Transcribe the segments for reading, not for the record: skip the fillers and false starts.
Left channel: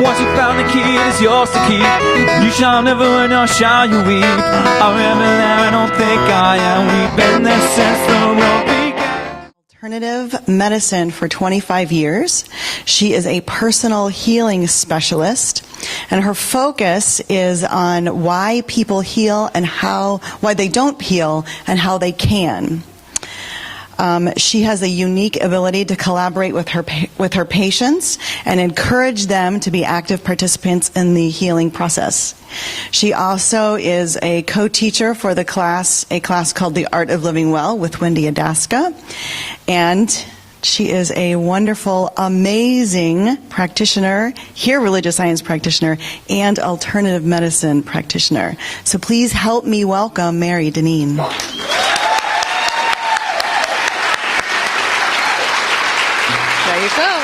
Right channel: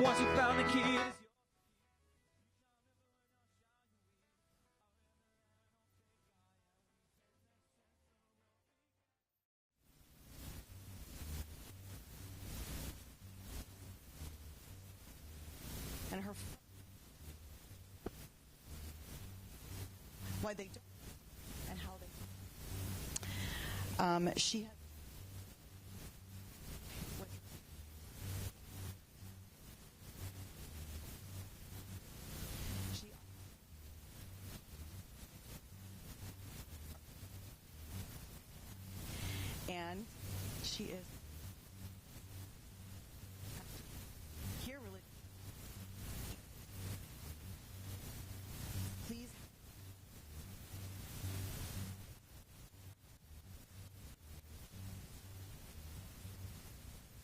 Once you found the key, it is yours to keep. You shall never learn, nor shall you weep. I remember there, I don't think I am. We've been there since the world began. Alternative medicine for 25 years. She is a personal healing specialist, and her focus is on why people heal and why they don't heal and how they can. She has a unique ability to collaborate with her patients and encourage them to be active participants in the healing process. She also is a co-teacher for a class called The Art of Living Well with Wendy Adaska, and she is a wonderful, amazing practitioner, religious science practitioner, and alternative medicine practitioner. So please help me welcome Mary Dinneen. There you go.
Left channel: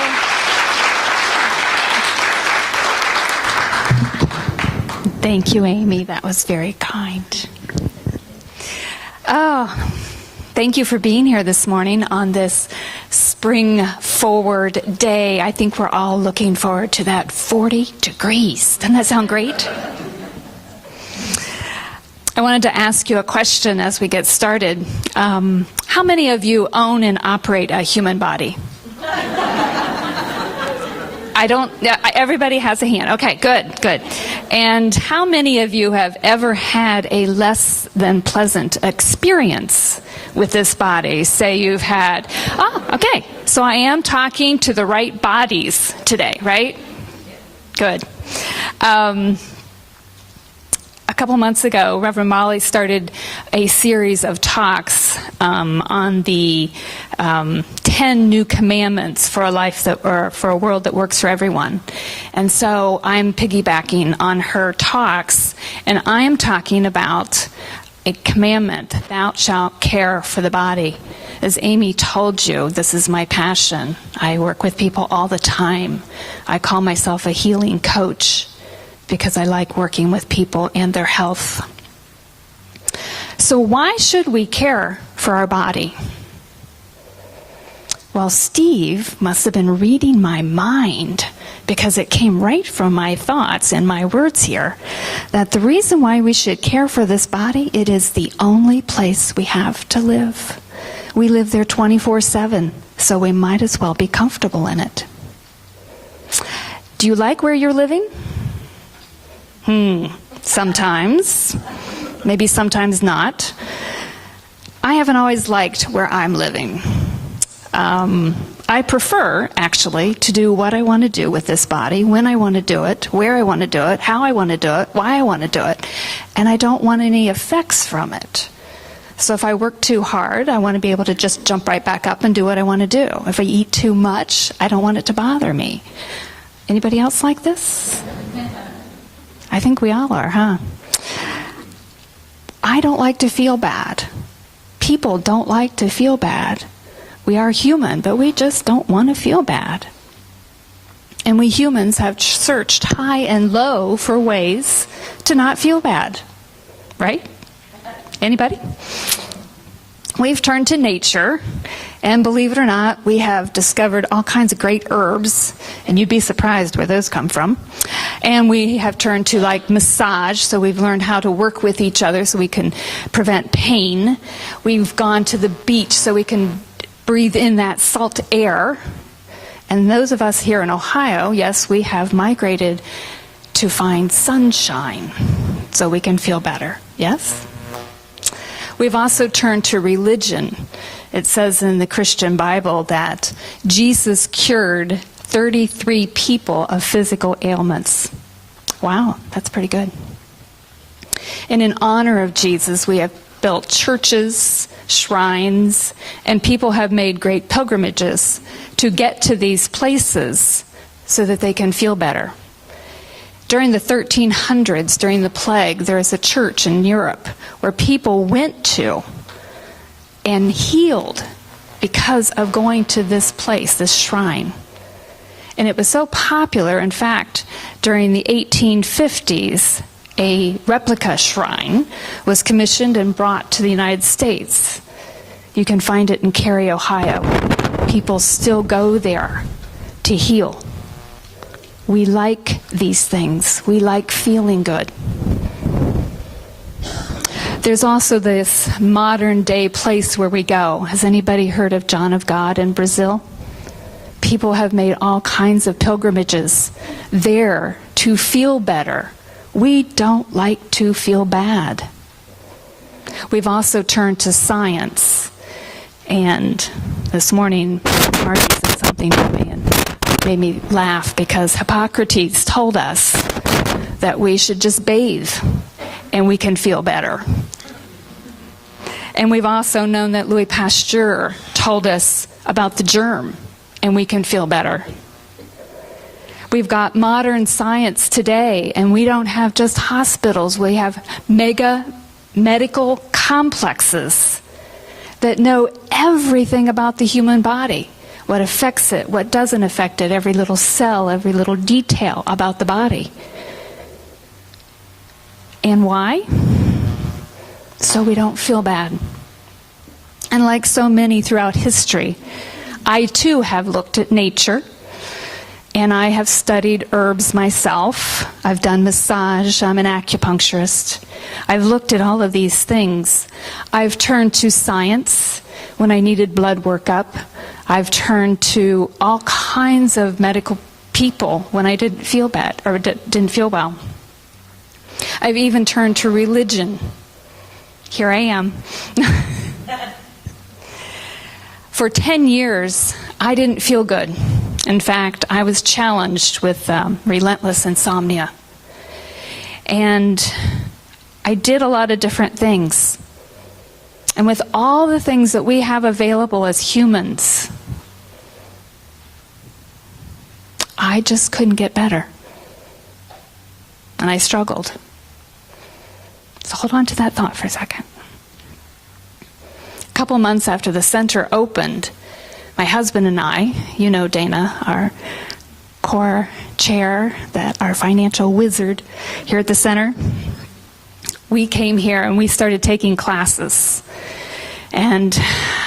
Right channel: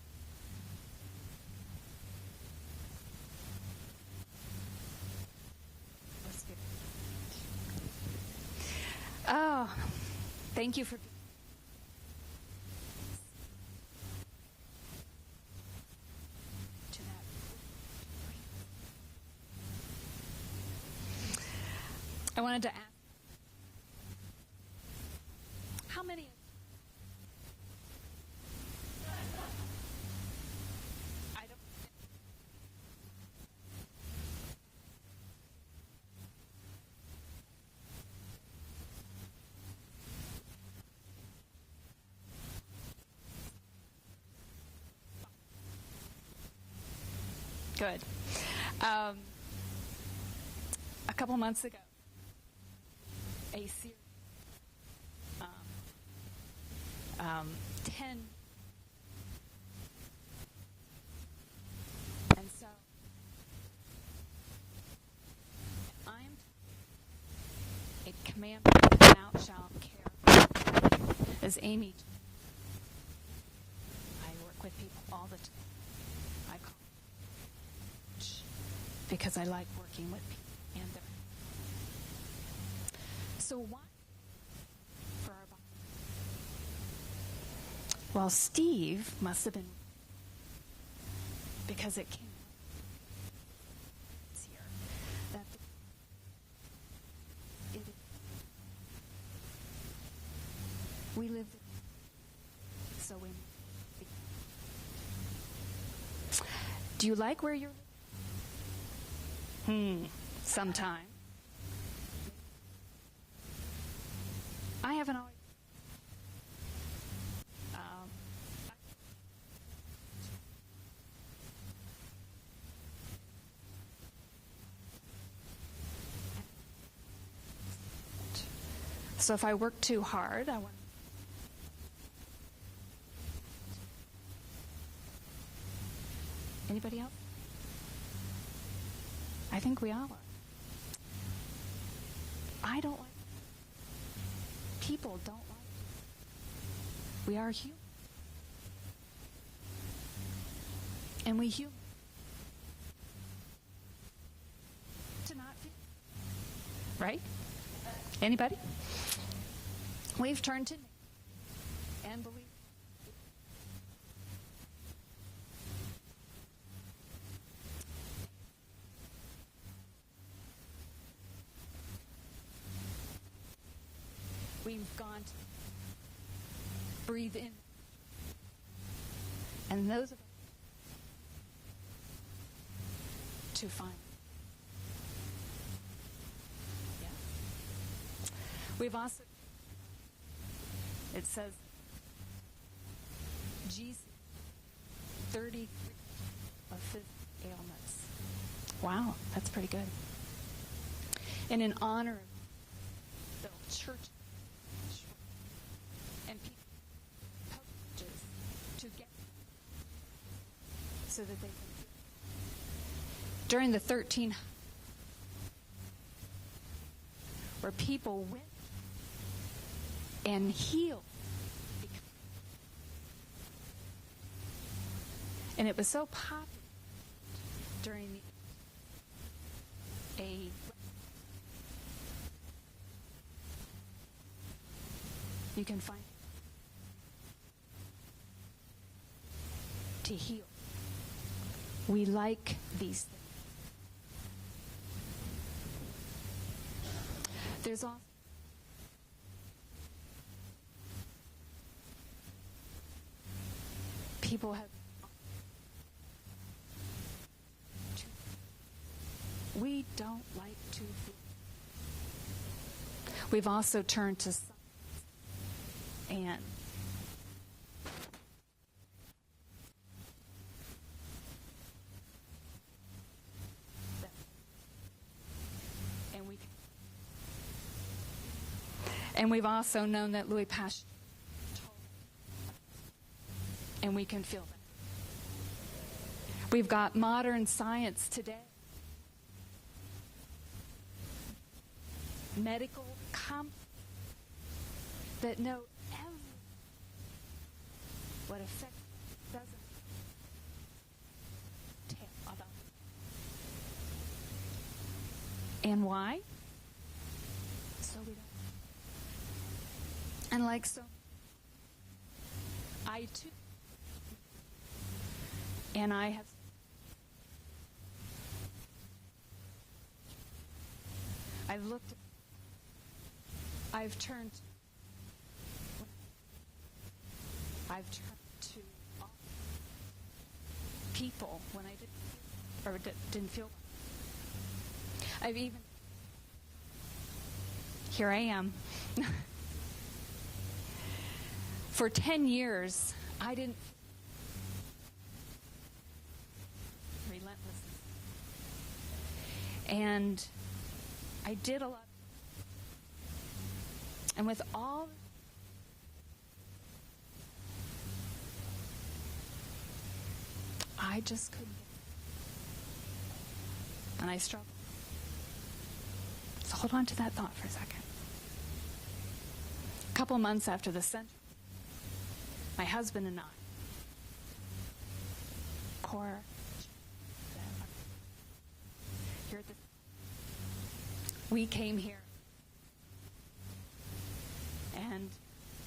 Thank you, Amy. That was very kind. Oh, thank you for being here this morning on this spring forward day. I think we're all looking forward to that 40 degrees. Doesn't that sound great? I wanted to ask you a question as we get started. How many of you own and operate a human body? Everybody has a hand. Okay, good. And how many of you have ever had a less than pleasant experience with this body? Say you've had, okay, so I am talking to the right bodies today, right? Good. A couple months ago, Reverend Molly started a series of talks on the 10 new commandments for a life or for a world that works for everyone. And so I'm piggybacking on her talks, and I'm talking about a commandment: thou shalt care for the body. As Amy told you, this is my passion. I work with people all the time. I call myself a healing coach, because I like working with people and their health. So why should we care for our body? Well, Steve must have been reading my mind, because it came right from my thoughts and my words here, that the reason why we should care for this body, it is the only place we have to live. We live there 24/7, so we might as well be comfortable in it. Do you like where you're living? Sometimes. Maybe sometimes not. I haven't always liked where I'm living. I prefer, actually, to do what I want to do with this body, when I want to do it, where I want to do it, how I want to do it, why I want to do it, and I don't want any effects from it. So if I work too hard, I want to be able to just jump right back up and do what I want to do. If I eat too much, I don't want it to bother me. Anybody else like this? I think we all are, huh? I don't like to feel bad. People don't like to feel bad. We are human, but we just don't want to feel bad. And we humans have searched high and low for ways to not feel bad. Right? Anybody? We've turned to nature, and believe it or not, we have discovered all kinds of great herbs, and you'd be surprised where those come from. And we have turned to like massage, so we've learned how to work with each other so we can prevent pain. We've gone to the beach so we can breathe in that salt air. And those of us here in Ohio, yes, we have migrated to find sunshine so we can feel better. Yes? We've also turned to religion. It says in the Christian Bible that Jesus cured 33 people of physical ailments. Wow, that's pretty good. And in honor of Jesus, we have built churches, shrines, and people have made great pilgrimages to get to these places so that they can feel better. During the 1300s, during the plague, there was a church in Europe where people went to and healed because of going to this place, this shrine. And it was so popular, in fact, during the 1850s, a replica shrine was commissioned and brought to the United States. You can find it in Cary, Ohio. People still go there to heal. We like these things. We like feeling good. There's also this modern day place where we go. Has anybody heard of John of God in Brazil? People have made all kinds of pilgrimages there to feel better. We don't like to feel bad. We've also turned to science. And this morning, Marty said something to me and made me laugh, because Hippocrates told us that we should just bathe and we can feel better. And we've also known that Louis Pasteur told us about the germ, and we can feel better. We've got modern science today, and we don't have just hospitals. We have mega medical complexes that know everything about the human body, what affects it, what doesn't affect it, every little cell, every little detail about the body. And why? So we don't feel bad. And like so many throughout history, I too have looked at nature, and I have studied herbs myself. I've done massage. I'm an acupuncturist. I've looked at all of these things. I've turned to science when I needed blood workup. I've turned to all kinds of medical people when I didn't feel bad or didn't feel well. I've even turned to religion. Here I am. For 10 years, I didn't feel good. In fact, I was challenged with relentless insomnia. And I did a lot of different things. And with all the things that we have available as humans, I just couldn't get better. And I struggled. So hold on to that thought for a second. A couple months after the center opened, my husband and I, you know Dana, our core chair, our financial wizard here at the center, we came here and we started taking classes. And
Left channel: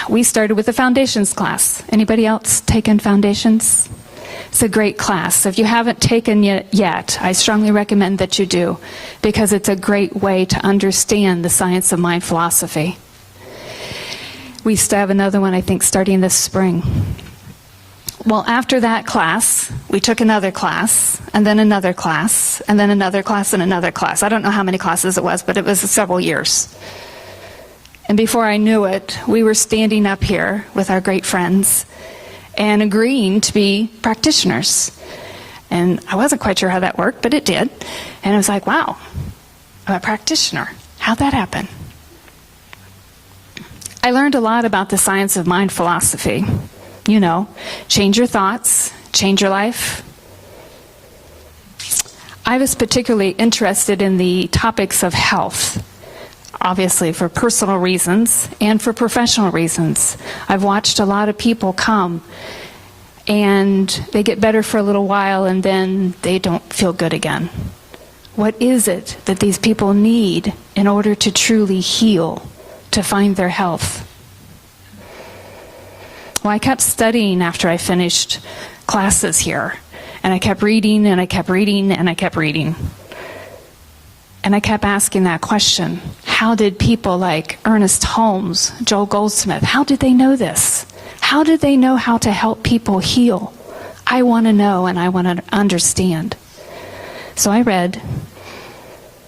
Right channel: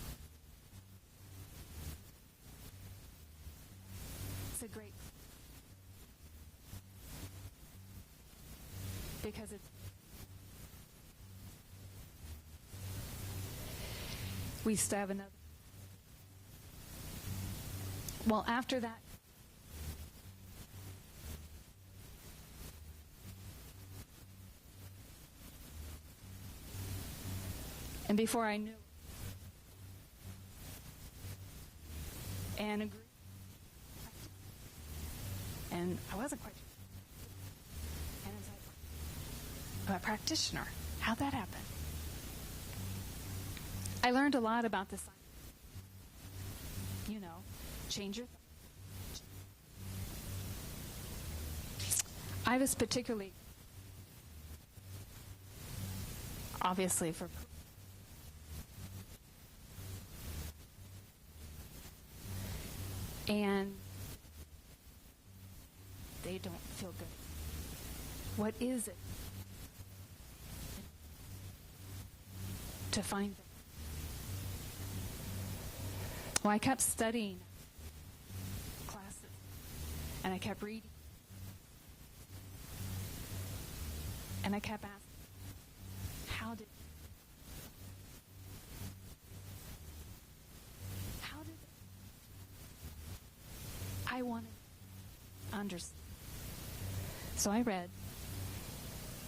we started with a foundations class. Anybody else taken foundations? It's a great class. If you haven't taken it yet, I strongly recommend that you do, because it's a great way to understand the science of mind philosophy. We still have another one, I think, starting this spring. Well, after that class, we took another class, and then another class, and then another class, and another class. I don't know how many classes it was, but it was several years. And before I knew it, we were standing up here with our great friends and agreeing to be practitioners. And I wasn't quite sure how that worked, but it did. And I was like, wow, I'm a practitioner. How'd that happen? I learned a lot about the science of mind philosophy. You know, change your thoughts, change your life. I was particularly interested in the topics of health, obviously for personal reasons and for professional reasons. I've watched a lot of people come and they get better for a little while and then they don't feel good again. What is it that these people need in order to truly heal, to find their health? Well, I kept studying after I finished classes here, and I kept reading, and I kept reading, and I kept reading. And I kept asking that question: how did people like Ernest Holmes, Joel Goldsmith, how did they know this? How did they know how to help people heal? I want to know, and I want to understand. So I read,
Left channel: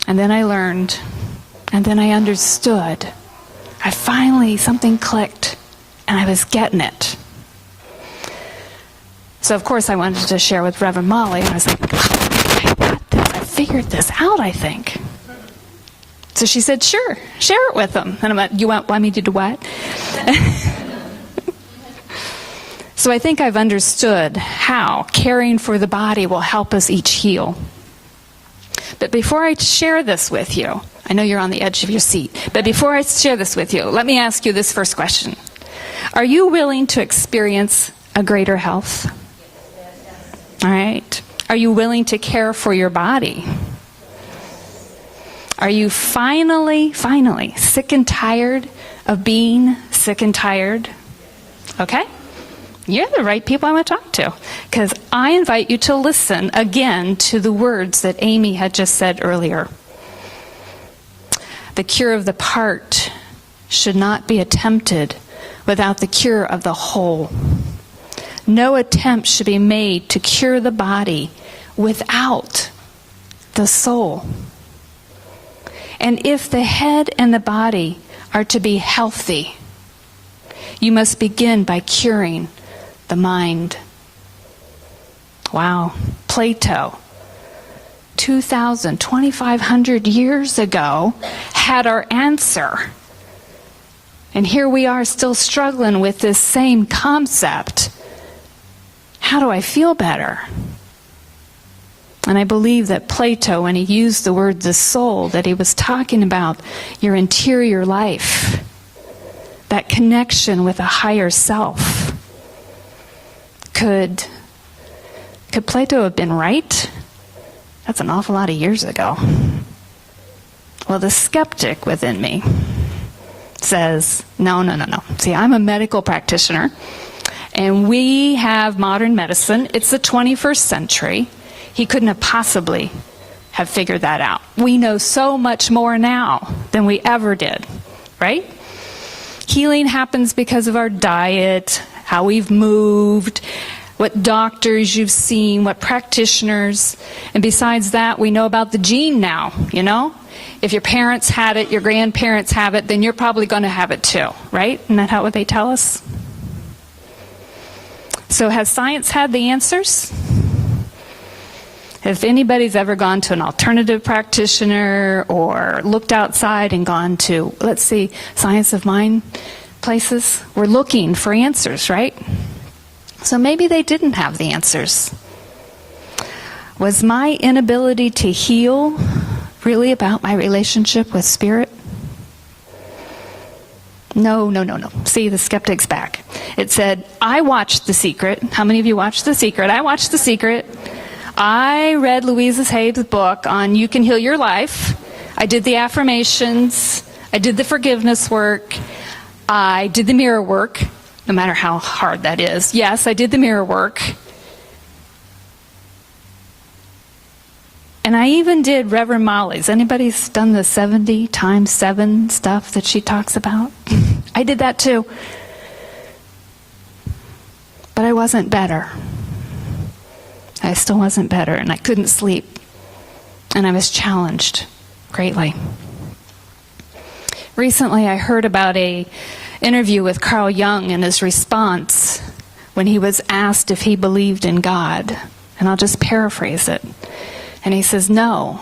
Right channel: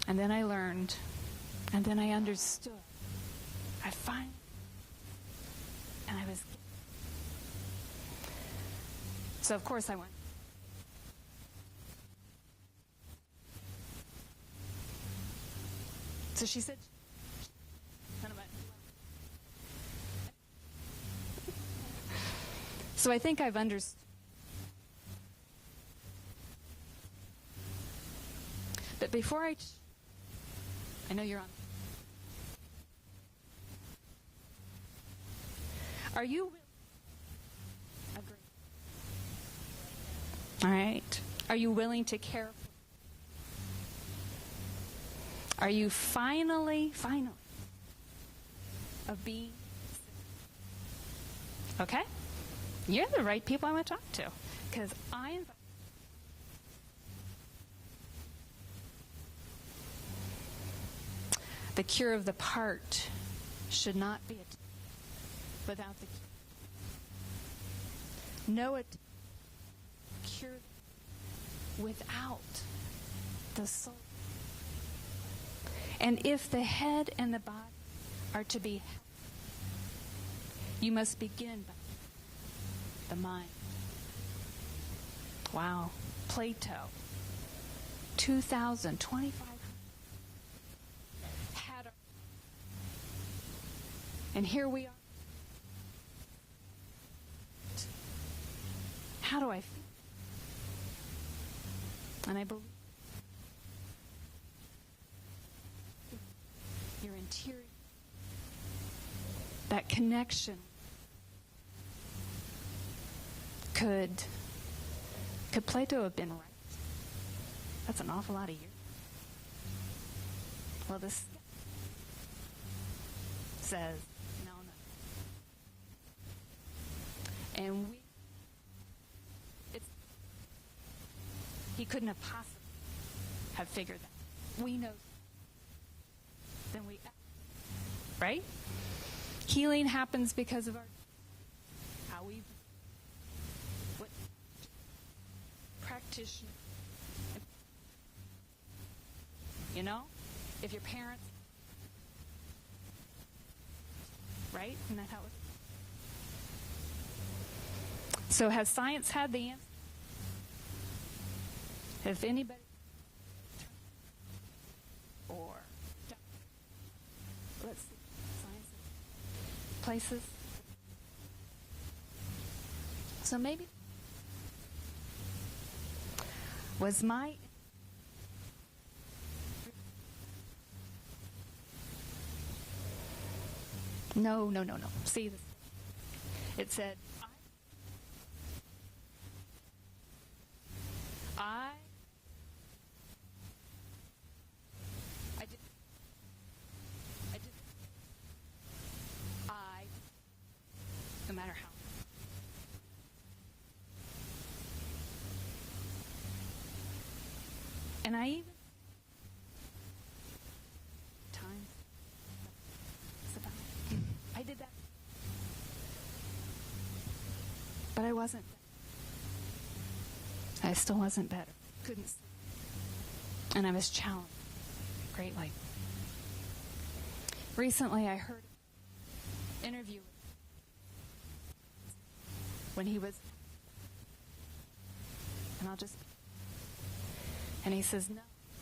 and then I learned, and then I understood. Something clicked, and I was getting it. So of course I wanted to share with Reverend Molly, and I was like, I got this, I figured this out, I think. So she said, sure, share it with them. And I'm like, you want me to do what? So I think I've understood how caring for the body will help us each heal. But before I share this with you, I know you're on the edge of your seat, but before I share this with you, let me ask you this first question. Are you willing to experience a greater health? All right. Are you willing to care for your body? Are you finally sick and tired of being sick and tired? Okay? you're the right people I want to talk to. Because I invite you to listen again to the words that Amy had just said earlier. The cure of the part should not be attempted without the cure of the whole. No attempt should be made to cure the body without the soul. And if the head and the body are to be healthy, you must begin by curing the mind. Wow. Plato, 2,500 years ago, had our answer. And here we are still struggling with this same concept. How do I feel better? And I believe that Plato, when he used the word the soul, that he was talking about your interior life, that connection with a higher self. Could Plato have been right? That's an awful lot of years ago. Well, the skeptic within me says, no. See, I'm a medical practitioner, and we have modern medicine. It's the 21st century. He couldn't have possibly have figured that out. We know so much more now than we ever did, right? Healing happens because of our diet, how we've moved, what doctors you've seen, what practitioners. And besides that, we know about the gene now, you know? If your parents had it, your grandparents have it, then you're probably going to have it too, right? Isn't that how they tell us? So has science had the answers? If anybody's ever gone to an alternative practitioner or looked outside and gone to, let's see, science of mind places, we're looking for answers, right? So maybe they didn't have the answers. Was my inability to heal really about my relationship with spirit? No. See, the skeptic's back. It said, I watched The Secret. How many of you watched The Secret? I watched The Secret. I read Louise Hay's book on You Can Heal Your Life. I did the affirmations. I did the forgiveness work. I did the mirror work, no matter how hard that is. Yes, I did the mirror work. And I even did Reverend Molly's. Anybody's done the 70 times 7 stuff that she talks about? I did that too. But I wasn't better. I still wasn't better, and I couldn't sleep. And I was challenged greatly. Recently, I heard about an interview with Carl Jung and his response when he was asked if he believed in God. And I'll just paraphrase it. And he says, no,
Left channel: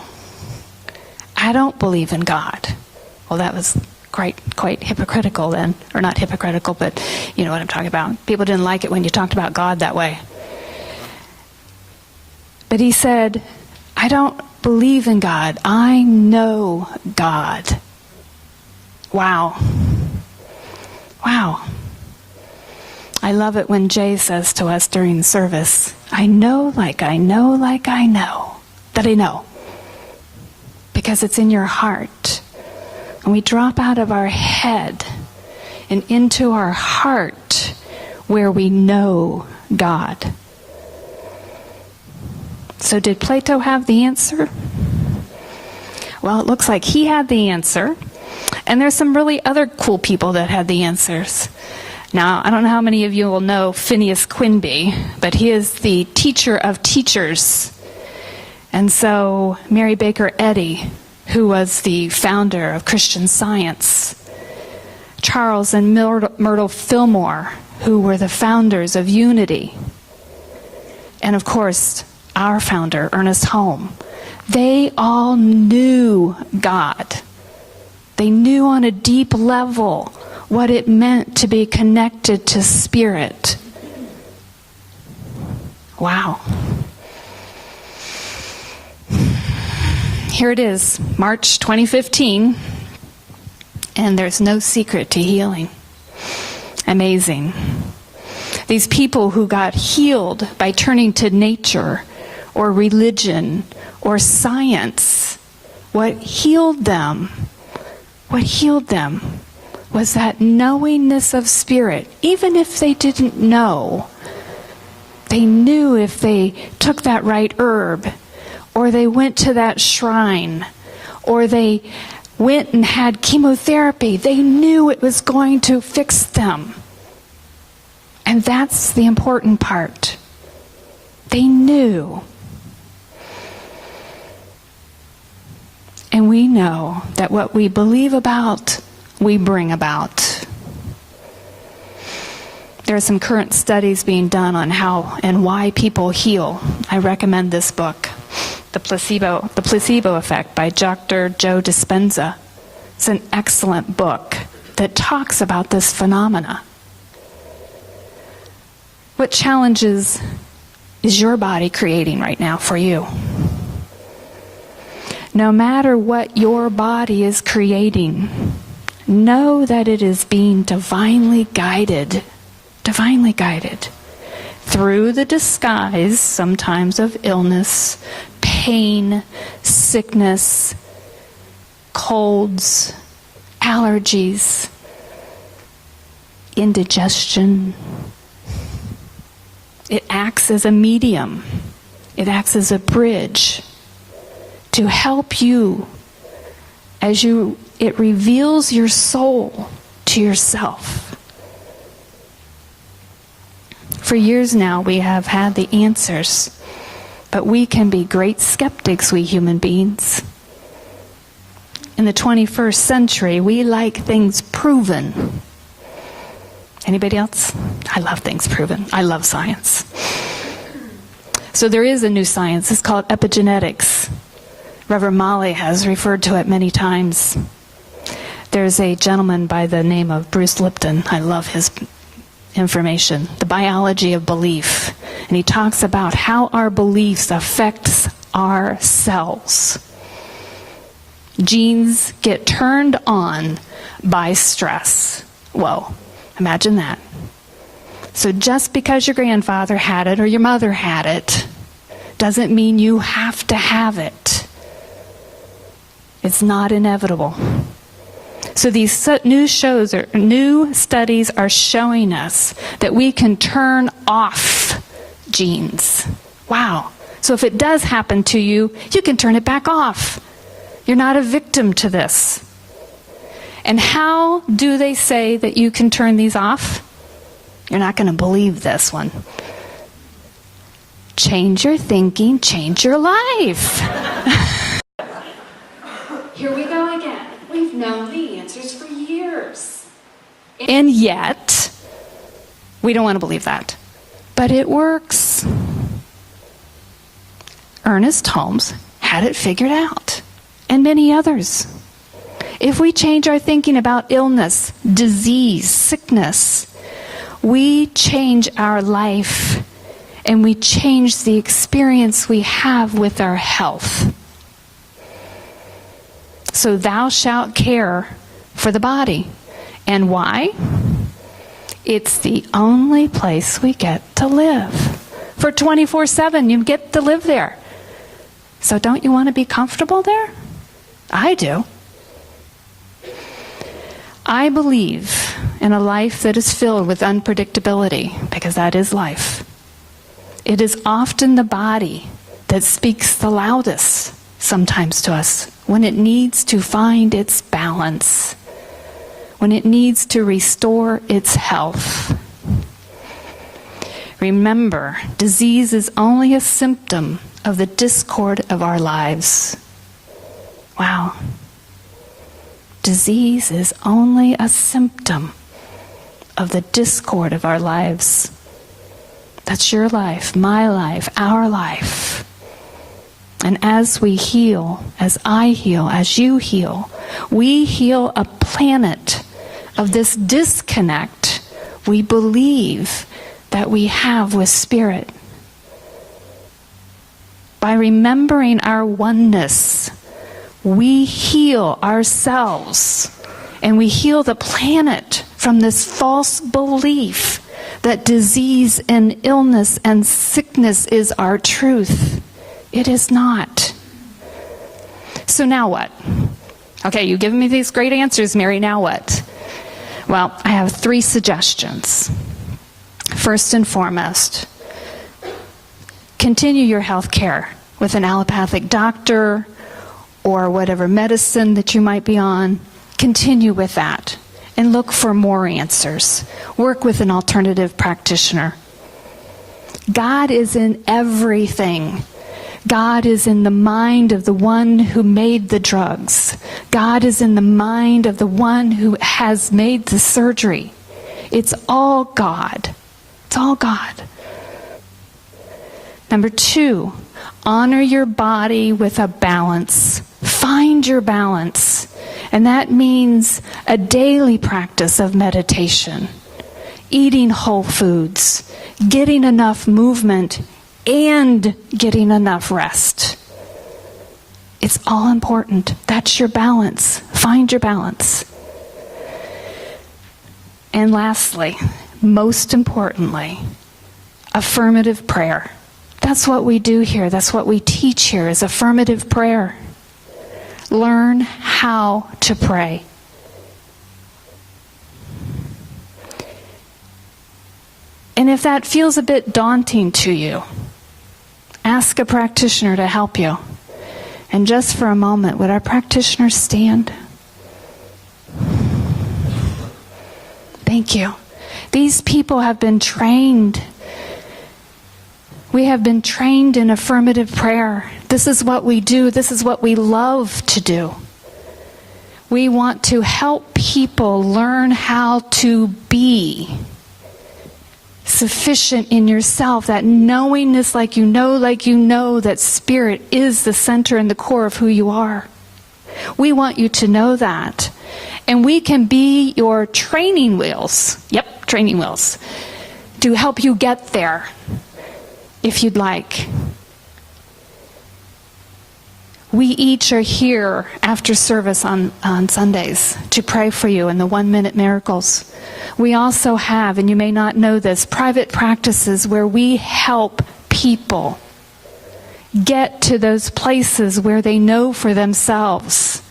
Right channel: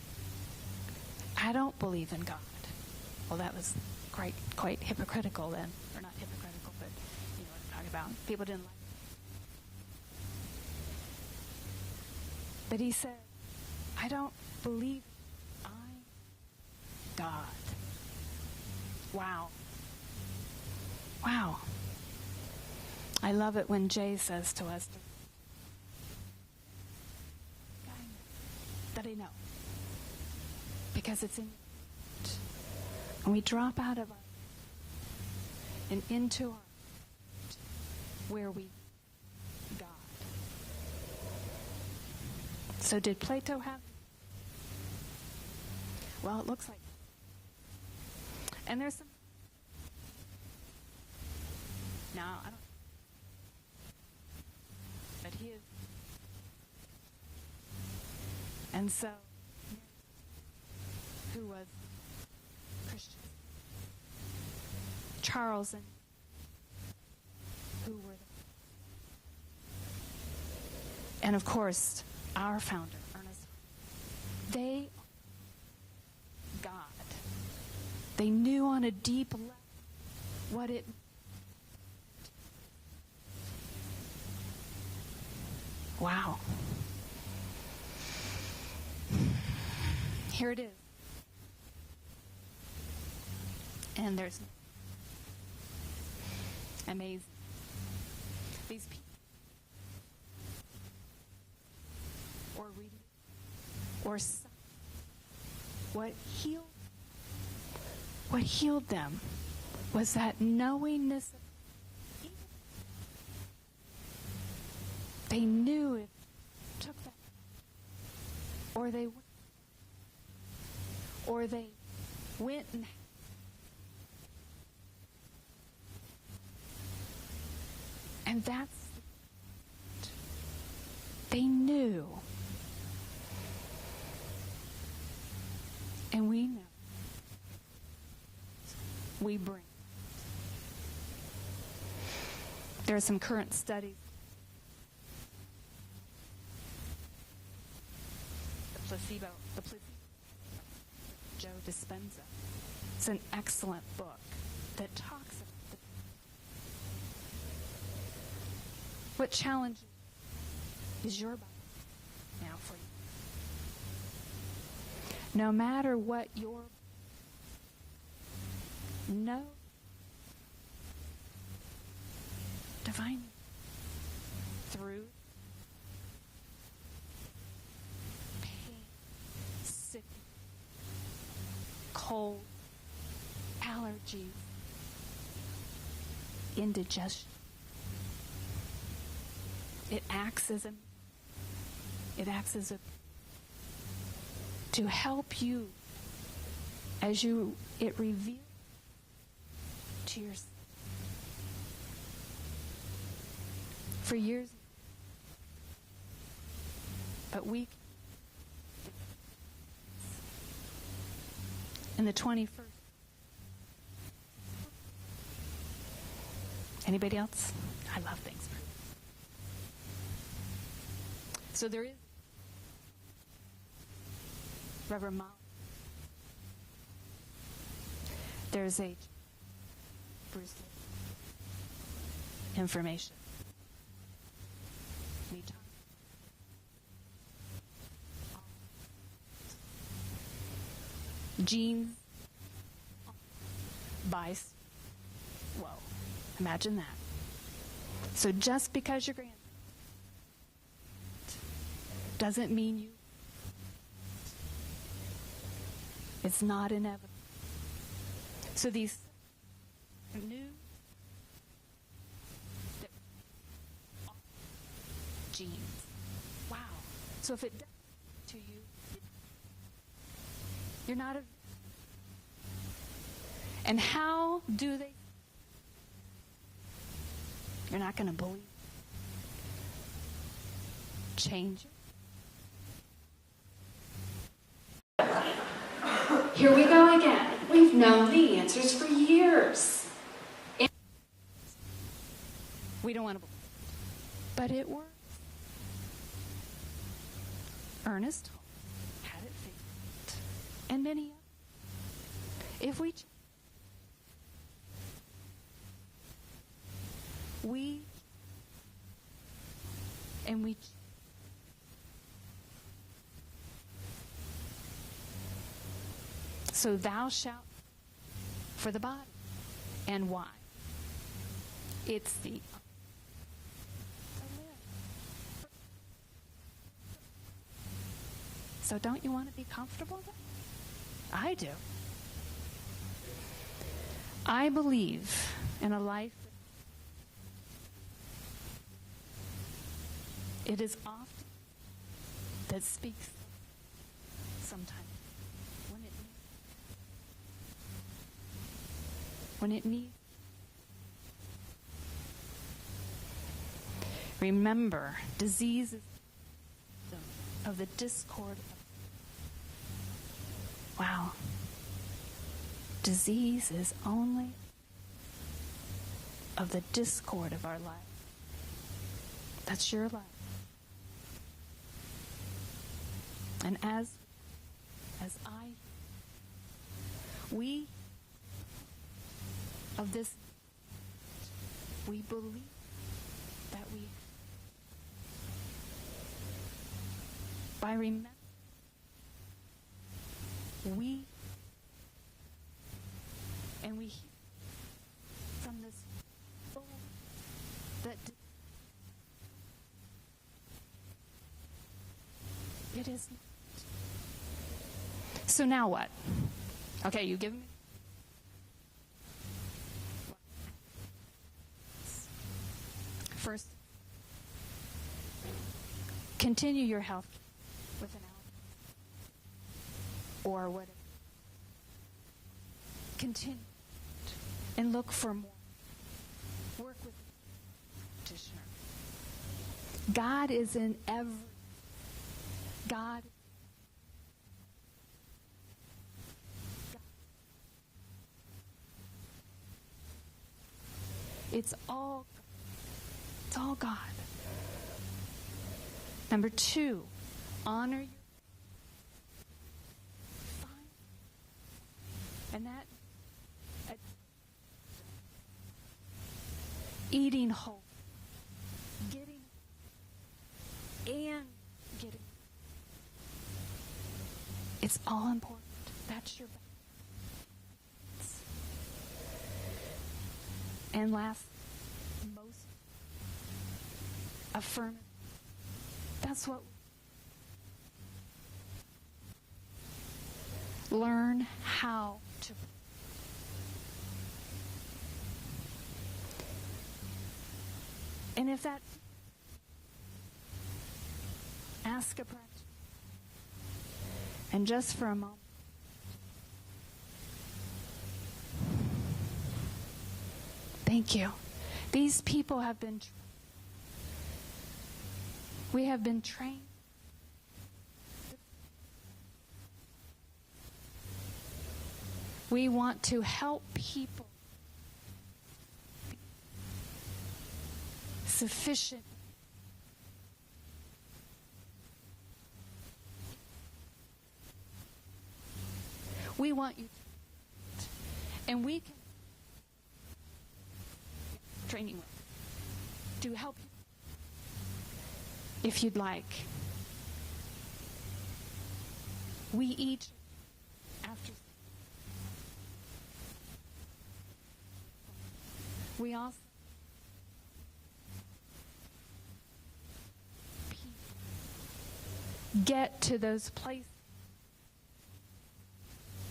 I don't believe in God. Well, that was quite hypocritical then. Or not hypocritical, but you know what I'm talking about. People didn't like it when you talked about God that way. But he said, I don't believe in God. I know God. Wow. I love it when Jay says to us during service, I know like I know like I know that I know. Because it's in your heart. And we drop out of our head and into our heart where we know God. So did Plato have the answer? Well, it looks like he had the answer. And there's some really other cool people that had the answers. Now, I don't know how many of you will know Phineas Quimby, but he is the teacher of teachers. And so Mary Baker Eddy, who was the founder of Christian Science, Charles and Myrtle Fillmore, who were the founders of Unity, and of course, our founder, Ernest Holm, they all knew God. They knew on a deep level what it meant to be connected to spirit. Wow. Here it is, March 2015, and there's no secret to healing. Amazing. These people who got healed by turning to nature or religion or science, what healed them was that knowingness of spirit. Even if they didn't know They knew if they took that right herb, or they went to that shrine, or they went and had chemotherapy, they knew it was going to fix them. And that's the important part. They knew. And we know that what we believe about, we bring about. There are some current studies being done on how and why people heal. I recommend this book, The Placebo Effect by Dr. Joe Dispenza. It's an excellent book that talks about this phenomena. What challenges is your body creating right now for you? No matter what your body is creating, know that it is being divinely guided through the disguise sometimes of illness, pain, sickness, colds, allergies, indigestion. It acts as a medium. It acts as a bridge to help you as it reveals your soul to yourself. For years now, we have had the answers, but we can be great skeptics, we human beings. In the 21st century, we like things proven. Anybody else? I love things proven. I love science. So there is a new science. It's called epigenetics. Reverend Molly has referred to it many times. There's a gentleman by the name of Bruce Lipton. I love his information. The biology of belief. And he talks about how our beliefs affects our cells. Genes get turned on by stress. Whoa, imagine that. So just because your grandfather had it or your mother had it doesn't mean you have to have it. It's not inevitable. So these new studies are showing us that we can turn off genes. Wow. So if it does happen to you, you can turn it back off. You're not a victim to this. And how do they say that you can turn these off? You're not going to believe this one. Change your thinking, change your life. Here we go again. We've known the answers for years. And yet, we don't want to believe that. But it works. Ernest Holmes had it figured out, and many others. If we change our thinking about illness, disease, sickness, we change our life, and we change the experience we have with our health. So thou shalt care for the body. And why? It's the only place we get to live. For 24/7, you get to live there. So don't you want to be comfortable there? I do. I believe in a life that is filled with unpredictability, because that is life. It is often the body that speaks the loudest sometimes to us when it needs to find its balance, when it needs to restore its health. Remember, disease is only a symptom of the discord of our lives. Wow. Disease is only a symptom of the discord of our lives. That's your life, my life, our life. And as we heal, as I heal, as you heal, we heal a planet of this disconnect we believe that we have with Spirit. By remembering our oneness, we heal ourselves, and we heal the planet from this false belief that disease and illness and sickness is our truth. It is not. So now what? Okay, you've given me these great answers, Mary. Now what? Well, I have 3 suggestions. First and foremost, Continue your health care with an allopathic doctor or whatever medicine that you might be on. Continue with that and look for more answers. Work with an alternative practitioner. God is in everything. God is in the mind of the one who made the drugs. God is in the mind of the one who has made the surgery. It's all God. It's all God. Number 2, honor your body with a balance. Find your balance. And that means a daily practice of meditation, eating whole foods, getting enough movement, and getting enough rest. It's all important. That's your balance. Find your balance. And lastly, most importantly, affirmative prayer. That's what we do here. That's what we teach here is affirmative prayer. Learn how to pray. And if that feels a bit daunting to you, ask a practitioner to help you. And just for a moment, would our practitioners stand? Thank you. These people have been trained. We have been trained in affirmative prayer. This is what we do. This is what we love to do. We want to help people learn how to be sufficient in yourself, that knowingness like you know that Spirit is the center and the core of who you are. We want you to know that. And we can be your training wheels. Yep, training wheels. To help you get there, if you'd like. We each are here after service on Sundays to pray for you in the 1-minute miracles. We also have, and you may not know this, private practices where we help people get to those places where they know for themselves.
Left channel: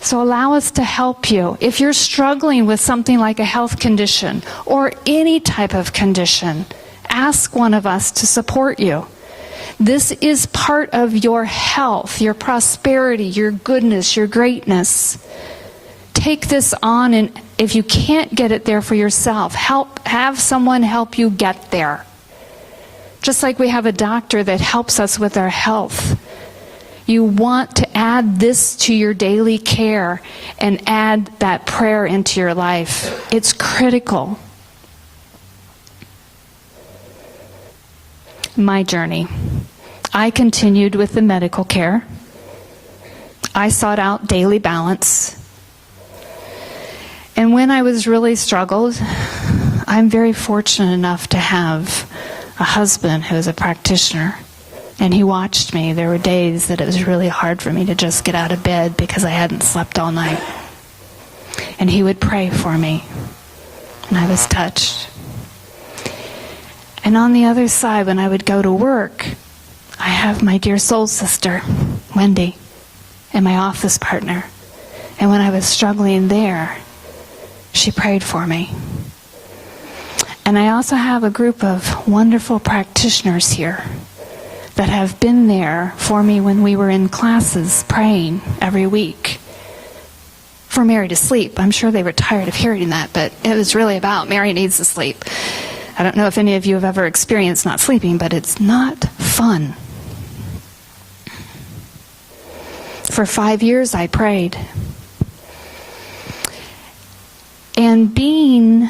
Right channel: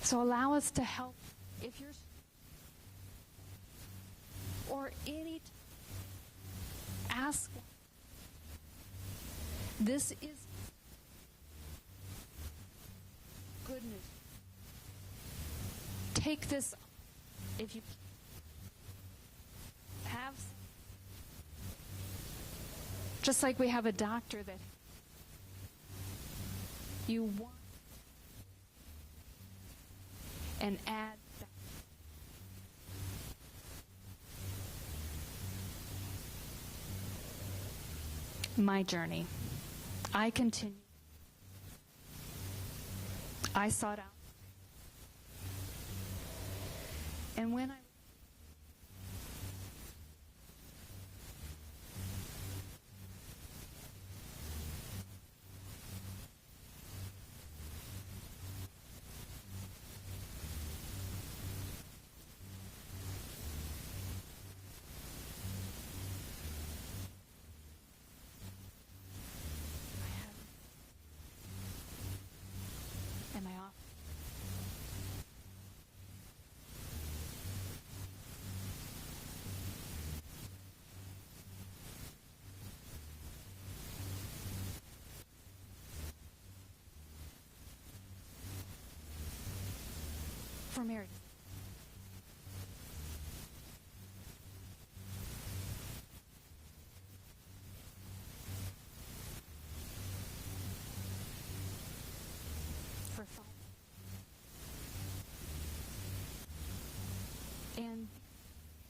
So allow us to help you. If you're struggling with something like a health condition or any type of condition, ask one of us to support you. This is part of your health, your prosperity, your goodness, your greatness. Take this on, and if you can't get it there for yourself, have someone help you get there. Just like we have a doctor that helps us with our health. You want to add this to your daily care and add that prayer into your life. It's critical. My journey. I continued with the medical care. I sought out daily balance. And when I was really struggled, I'm very fortunate enough to have a husband who is a practitioner. And he watched me. There were days that it was really hard for me to just get out of bed because I hadn't slept all night. And he would pray for me. And I was touched. And on the other side, when I would go to work, I have my dear soul sister, Wendy, and my office partner. And when I was struggling there, she prayed for me. And I also have a group of wonderful practitioners here that have been there for me when we were in classes praying every week for Mary to sleep. I'm sure they were tired of hearing that, but it was really about Mary needs to sleep. I don't know if any of you have ever experienced not sleeping, but it's not fun. For 5 years I prayed. And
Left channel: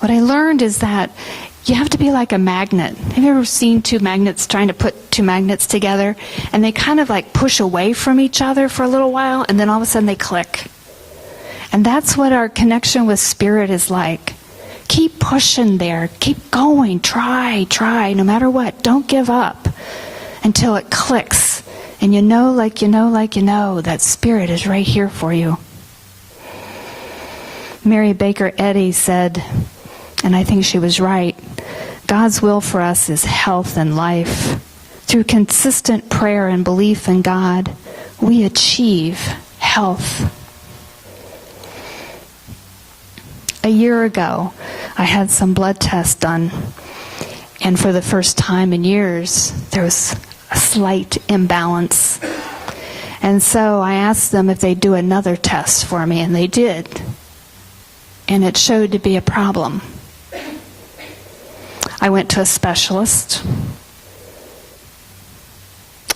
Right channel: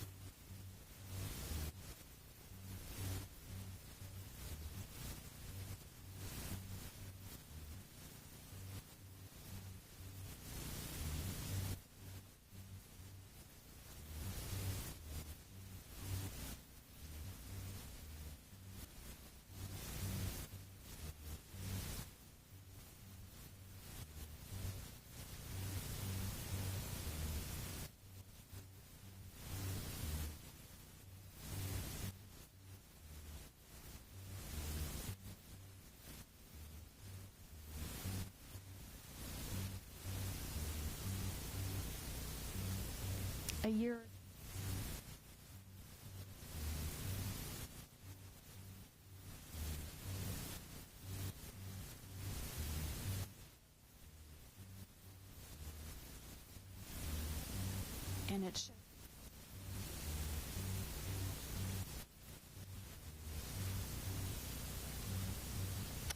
what I learned is that you have to be like a magnet. Have you ever seen two magnets trying to put two magnets together? And they kind of like push away from each other for a little while, and then all of a sudden they click. And that's what our connection with Spirit is like. Keep pushing there. Keep going. Try, no matter what. Don't give up until it clicks. And you know that Spirit is right here for you. Mary Baker Eddy said, and I think she was right, God's will for us is health and life. Through consistent prayer and belief in God, we achieve health. A year ago, I had some blood tests done, And for the first time in years, there was a slight imbalance. And so I asked them if they'd do another test for me, and they did. And it showed to be a problem. I went to a specialist,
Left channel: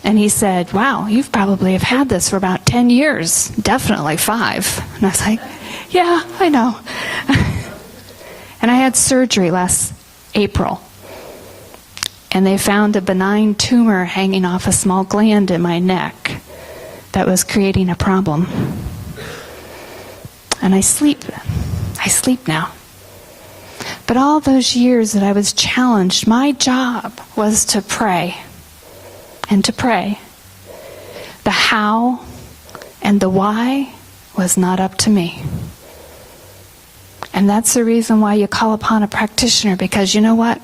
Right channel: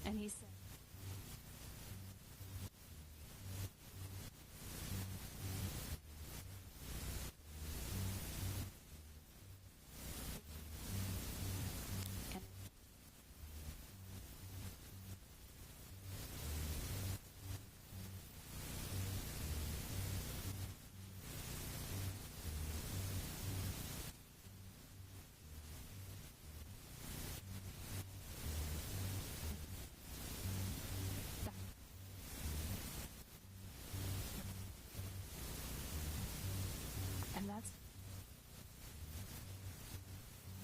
and he said, wow, you've probably have had this for about 10 years, definitely 5. And I was like, yeah, I know. And I had surgery last April, and they found a benign tumor hanging off a small gland in my neck that was creating a problem. And I sleep now. But all those years that I was challenged, my job was to pray and to pray. The how and the why was not up to me. And that's the reason why you call upon a practitioner, because you know what?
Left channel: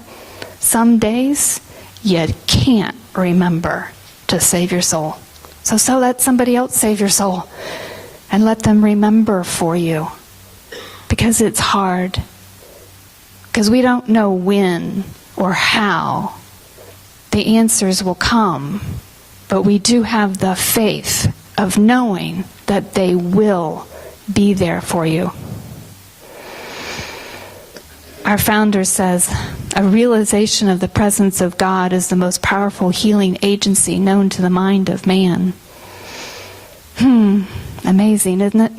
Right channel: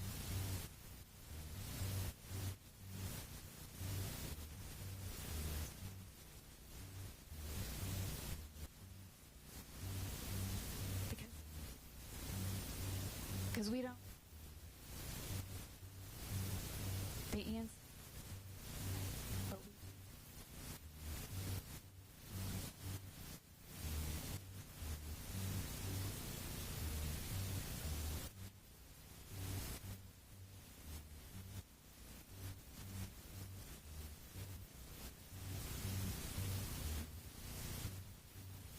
Some days you can't remember to save your soul. So let somebody else save your soul and let them remember for you, because it's hard. Because we don't know when or how the answers will come, but we do have the faith of knowing that they will be there for you. Our founder says, a realization of the presence of God is the most powerful healing agency known to the mind of man. Amazing, isn't it?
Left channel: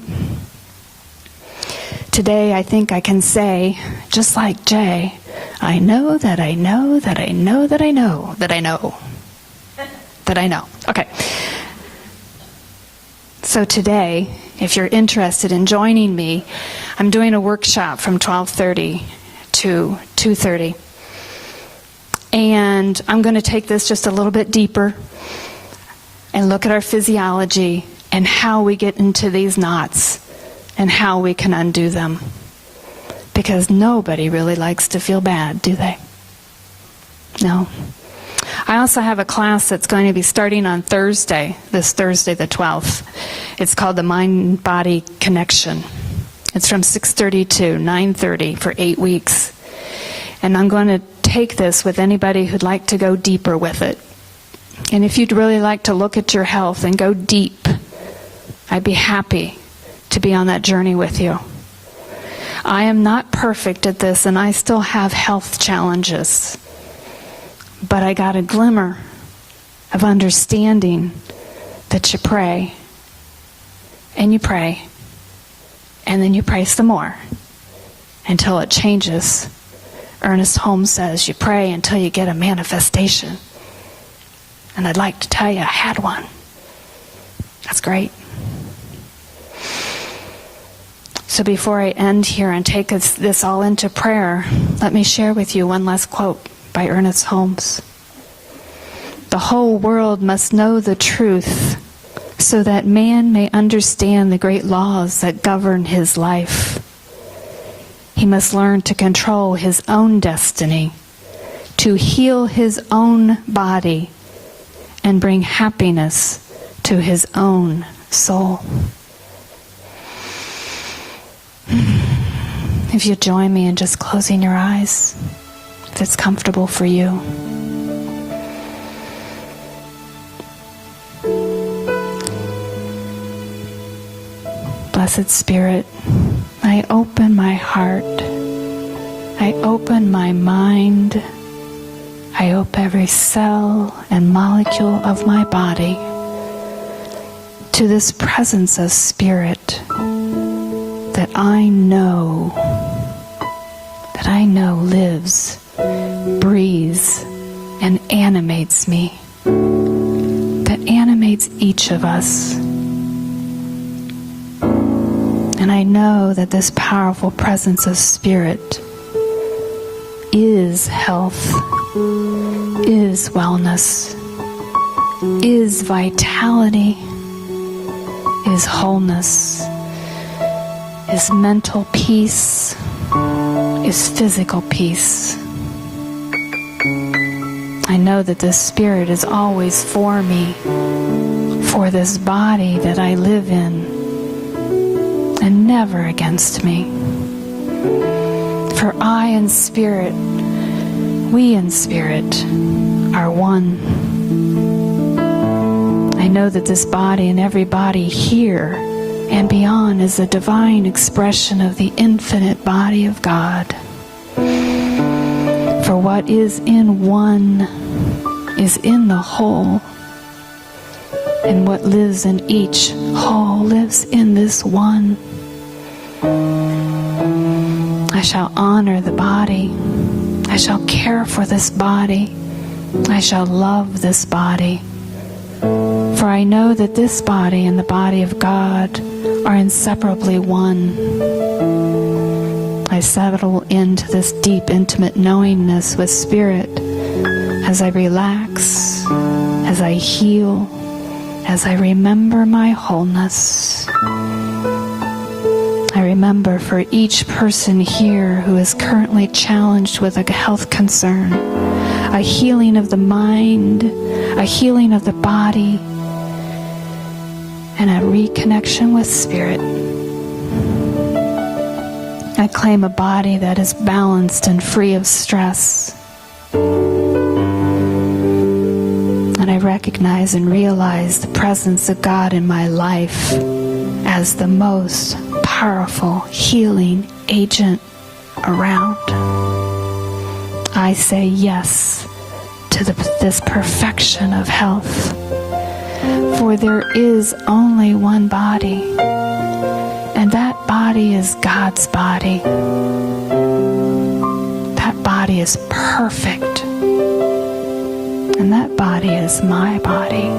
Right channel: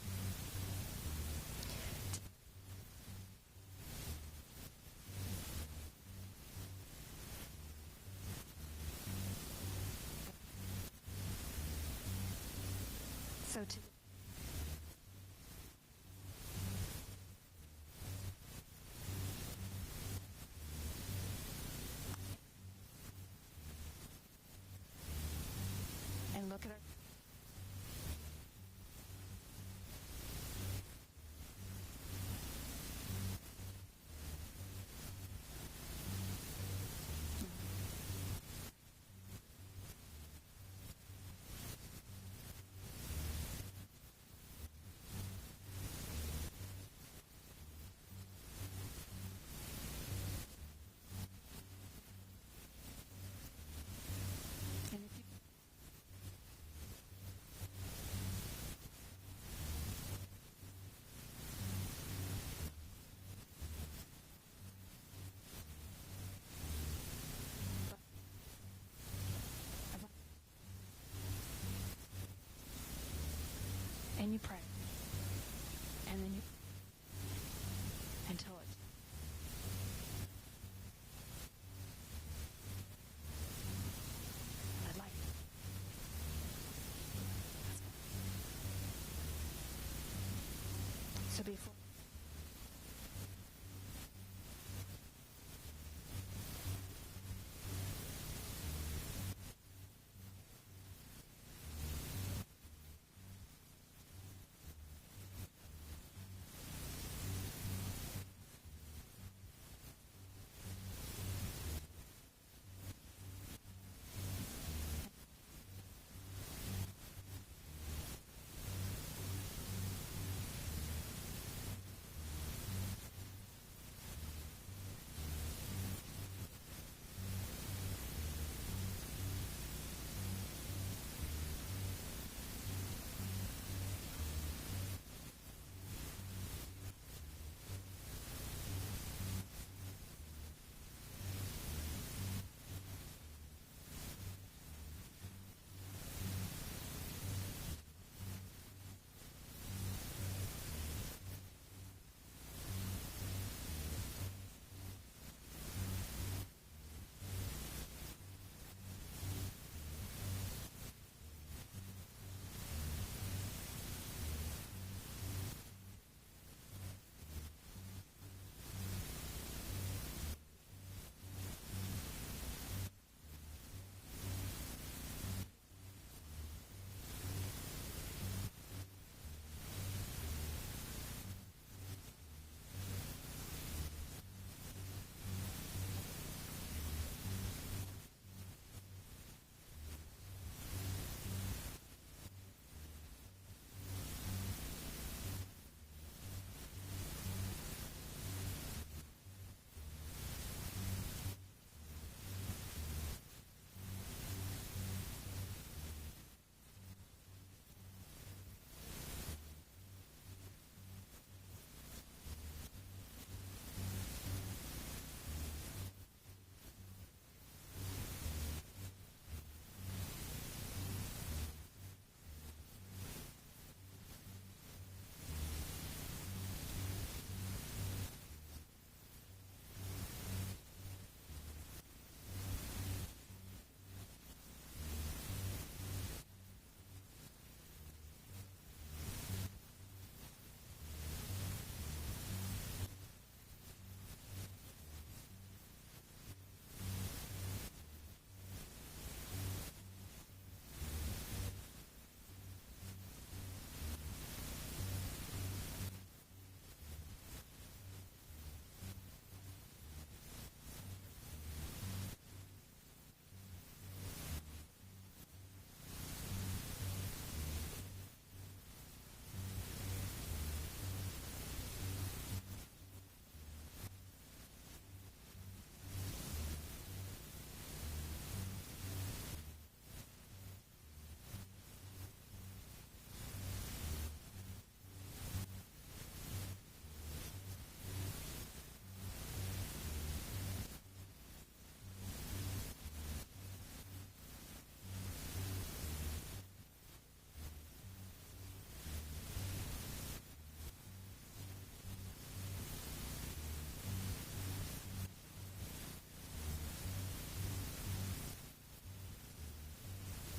Today, I think I can say, just like Jay, I know that I know that I know that I know that I know that I know. Okay. So today, if you're interested in joining me, I'm doing a workshop from 12:30 to 2:30. And I'm going to take this just a little bit deeper and look at our physiology and how we get into these knots and how we can undo them. Because nobody really likes to feel bad, do they? No. I also have a class that's going to be starting on Thursday, this Thursday the 12th. It's called the Mind-Body Connection. It's from 6:30 to 9:30 for 8 weeks. And I'm going to take this with anybody who'd like to go deeper with it. And if you'd really like to look at your health and go deep, I'd be happy to be on that journey with you. I am not perfect at this, and I still have health challenges. But I got a glimmer of understanding that you pray, and you pray, and then you pray some more until it changes. Ernest Holmes says you pray until you get a manifestation. And I'd like to tell you I had one. That's great. So before I end here and take this all into prayer, let me share with you one last quote by Ernest Holmes. The whole world must know the truth so that man may understand the great laws that govern his life. He must learn to control his own destiny, to heal his own body, and bring happiness to his own soul. If you join me in just closing your eyes, if it's comfortable for you. Blessed Spirit, I open my heart, I open my mind, I open every cell and molecule of my body to this presence of Spirit that I know lives, breathes, and animates me, that animates each of us. And I know that this powerful presence of Spirit is health, is wellness, is vitality, is wholeness, is mental peace, is physical peace. I know that this Spirit is always for me, for this body that I live in, and never against me. For I and Spirit, We in spirit are one. I know that this body and every body here and beyond is a divine expression of the infinite body of God. For what is in one is in the whole, and what lives in each whole lives in this one. I shall honor the body. I shall care for this body. I shall love this body. For I know that this body and the body of God are inseparably one. I settle into this deep, intimate knowingness with Spirit as I relax, as I heal, as I remember my wholeness. I remember for each person here who is currently challenged with a health concern, a healing of the mind, a healing of the body, and a reconnection with Spirit. I claim a body that is balanced and free of stress. And I recognize and realize the presence of God in my life as the most powerful healing agent around. I say yes to this perfection of health. For there is only one body, and that body is God's body. That body is perfect, and that body is my body,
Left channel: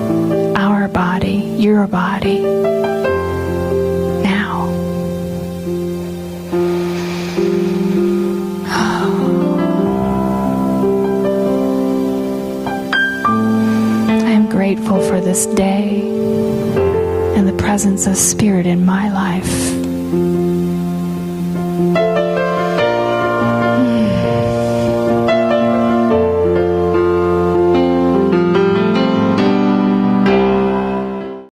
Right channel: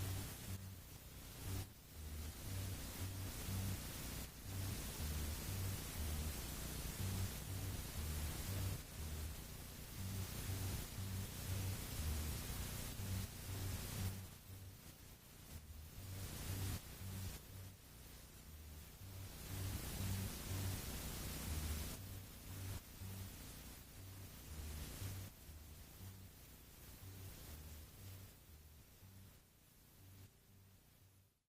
our body, your body. Now. I am grateful for this day and the presence of Spirit in my life.